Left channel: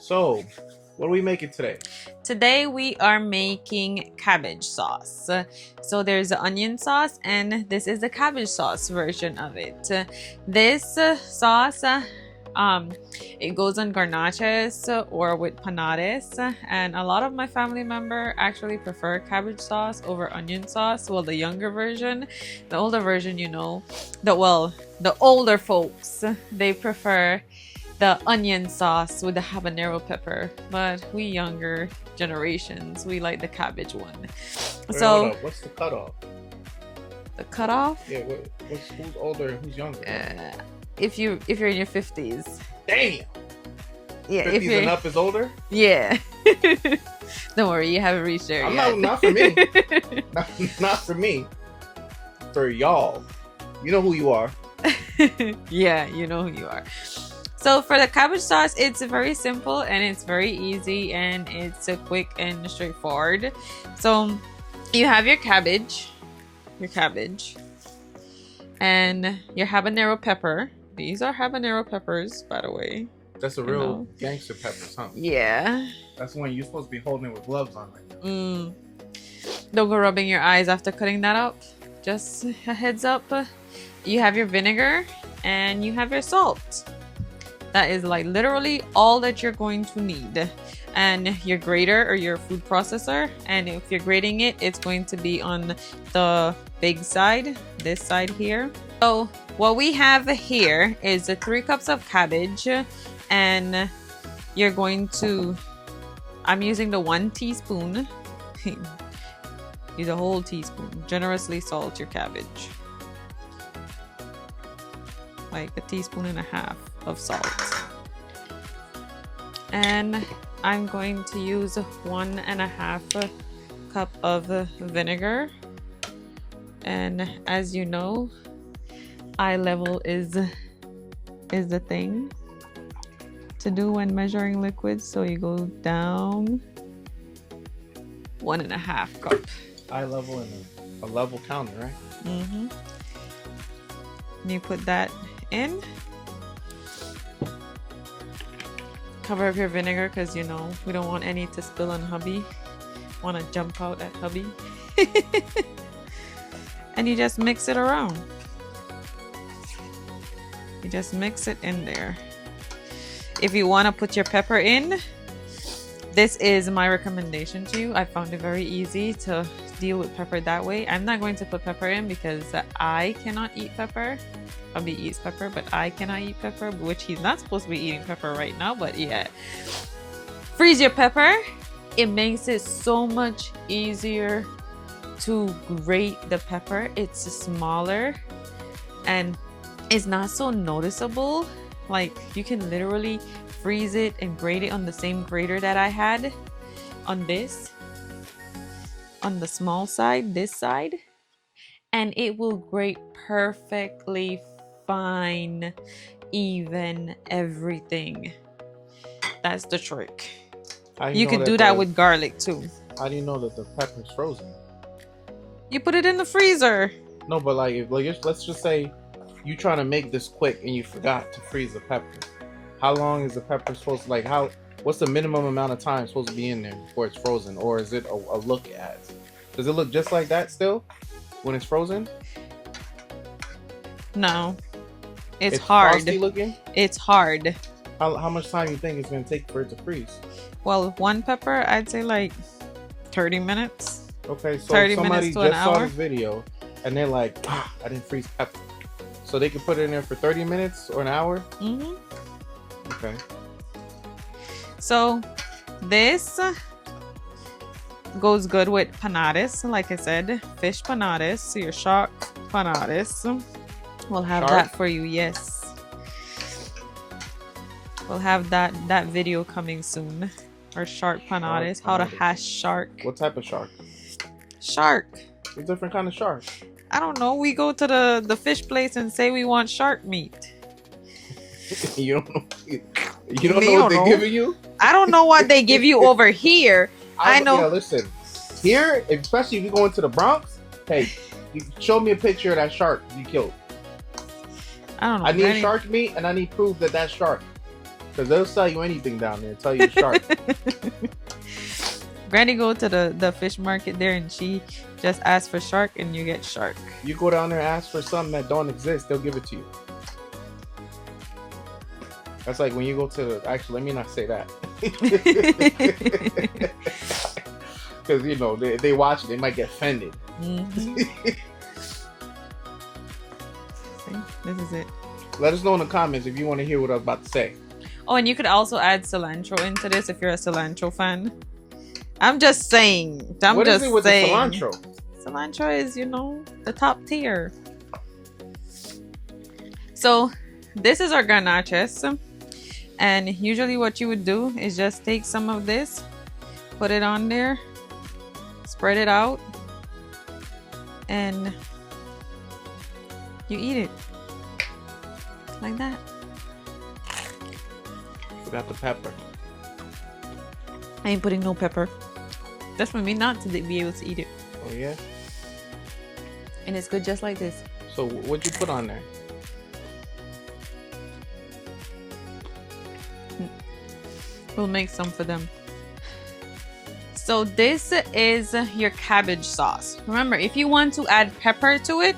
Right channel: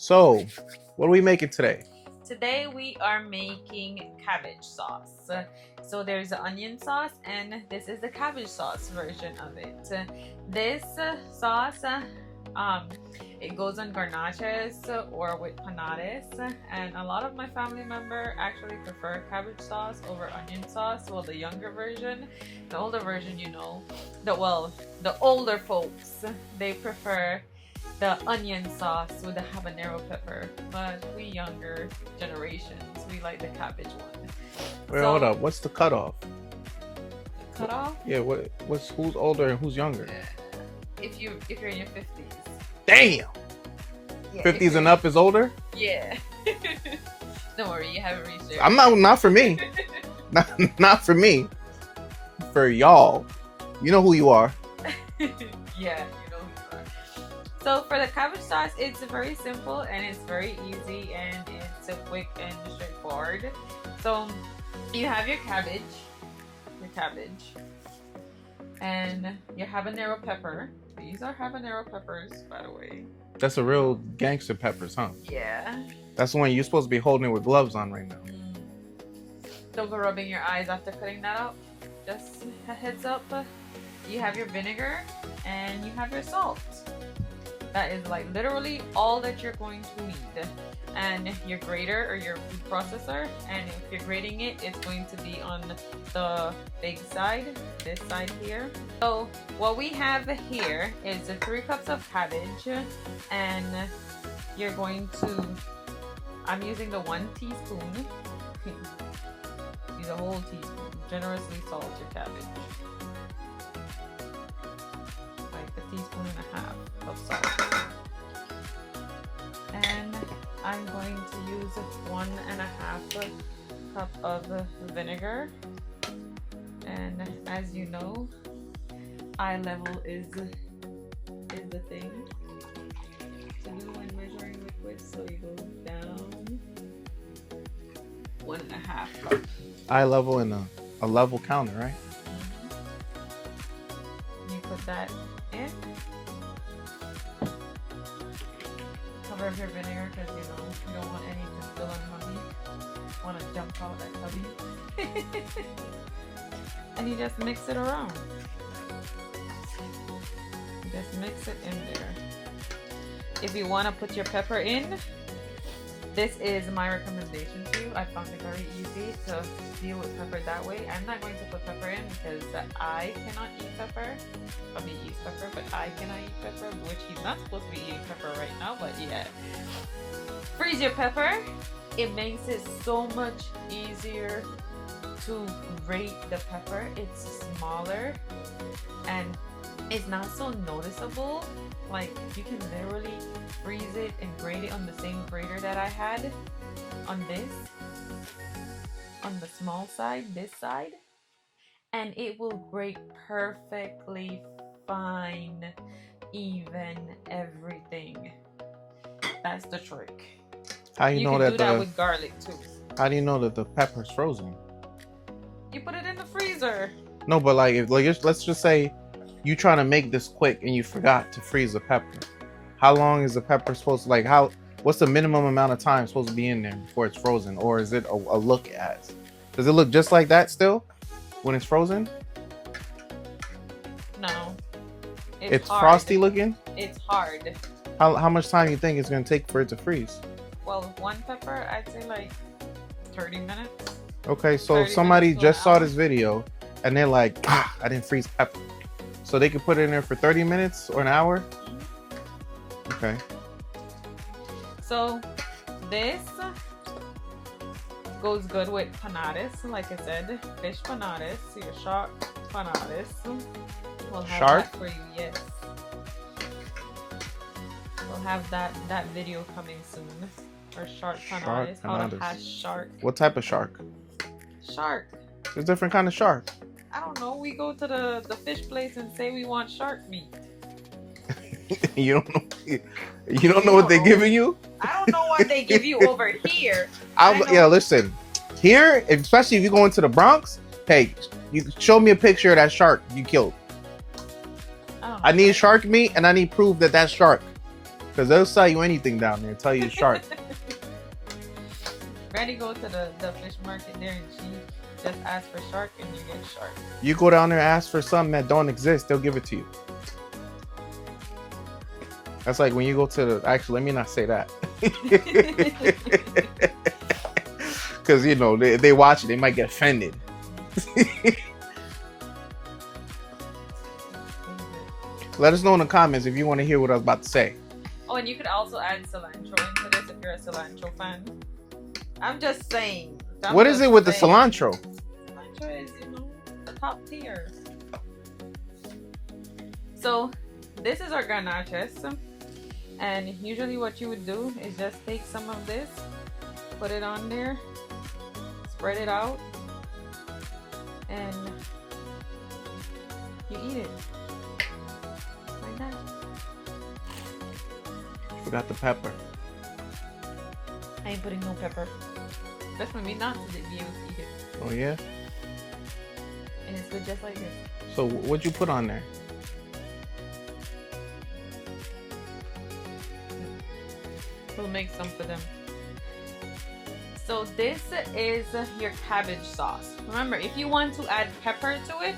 So, what are we making today? Today we are making cabbage sauce. So there's the onion sauce and this is the cabbage sauce version of it. This sauce, it goes on garnaches or with panades, and a lot of my family member actually prefer cabbage sauce over onion sauce. Well, the younger version, the older version, you know, the older folks, they prefer the onion sauce with the habanero pepper, but we younger generations, we like the cabbage one. Wait, So hold up. What's the cutoff? the cutoff, Yeah, who's older and who's younger? if you're in your 50s, Damn. yeah, 50s and up is older? yeah. Don't worry, you haven't reached there. I'm yet. not for me. not for me. For y'all. You know who you are. Yeah, you know who you are. So for the cabbage sauce, it's very simple and it's very easy and it's quick and straightforward. So you have your cabbage, and your habanero pepper. These are habanero peppers, by the way. That's a real gangster peppers, huh? Yeah. That's the one you're supposed to be holding it with gloves on right now. Don't go rubbing your eyes after cutting that up. Just a heads up. You have your vinegar and you have your salt. That is like literally all that you're going to need. And your grater or your food processor. And if you're grating it, it's going to be on the big side, this side here. So what we have here is 3 cups of cabbage, and you're going to, I'm using the 1 teaspoon. Use a whole teaspoon. Generously salt your cabbage. Like 1.5 teaspoons of salt. And I'm going to use 1.5 cup of vinegar. And as you know, eye level is the thing to do when measuring liquids. So you go down 1.5 cup. Eye level and a level counter, right? You put that in. Cover up your vinegar because you know we don't want any to spill on hubby. Want to jump out at hubby. And you just mix it around. You just mix it in there. If you want to put your pepper in, this is my recommendation to you. I found it very easy to deal with pepper that way. I'm not going to put pepper in because I cannot eat pepper. Hubby eats pepper, but I cannot eat pepper, which he's not supposed to be eating pepper right now, but yeah. Freeze your pepper. It makes it so much easier to grate the pepper. It's smaller and it's not so noticeable. Like you can literally freeze it and grate it on the same grater that I had on this, on the small side, this side, and it will grate perfectly fine, even, everything. That's the trick. You can do that with garlic too. How do you know that the pepper's frozen? You put it in the freezer. No, but let's just say you trying to make this quick and you forgot to freeze the pepper. How long is the pepper supposed to, what's the minimum amount of time supposed to be in there before it's frozen? Or is it a look as? Does it look just like that still when it's frozen? No. It's hard. Frosty looking? It's hard. How much time you think it's going to take for it to freeze? Well, 1 pepper, I'd say like 30 minutes. Okay, so somebody just saw this video and they're like, I didn't freeze pepper. So they could put it in there for 30 minutes or an hour? Okay. So this goes good with panades, like I said, fish panades, so your shark panades. We'll have that for you, yes. We'll have that video coming soon. Our shark panades, how to hash shark. What type of shark? Shark. There's different kind of shark. I don't know. We go to the fish place and say we want shark meat. You don't know what they're giving you? I don't know what they give you over here. I know. Yeah, listen. Here, especially if you go into the Bronx, hey, you show me a picture of that shark you killed. I don't know. I need shark meat and I need proof that that's shark. Because they'll sell you anything down there. Tell you shark. Granny go to the fish market there and she just asks for shark and you get shark. You go down there and ask for something that don't exist, they'll give it to you. That's like when you go to the... Actually, let me not say that. Because, you know, they watch it. They might get offended. Mm-hmm. This is it. Let us know in the comments if you want to hear what I was about to say. Oh, and you could also add cilantro into this if you're a cilantro fan. I'm just saying. What is it with the cilantro? Cilantro is, you know, the top tier. So this is our garnaches. And usually what you would do is just take some of this, put it on there, spread it out, and you eat it. Like that. Forgot the pepper. I ain't putting no pepper. That's for me not to be able to eat it. Oh yeah? And it's good just like this. So what'd you put on there? We'll make some for them. So this is your cabbage sauce. Remember, if you want to add pepper to it,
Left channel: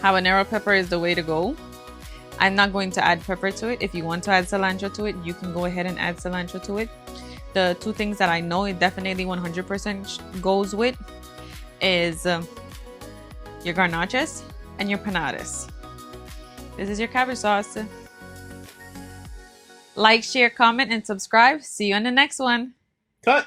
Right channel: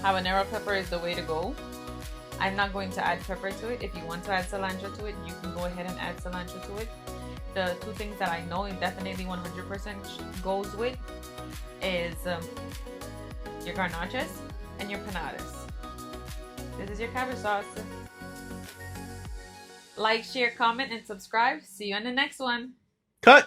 habanero pepper is the way to go. I'm not going to add pepper to it. If you want to add cilantro to it, you can go ahead and add cilantro to it. The two things that I know it definitely 100% goes with is your garnaches and your panadas. This is your cabbage sauce. Like, share, comment, and subscribe. See you on the next one. Cut!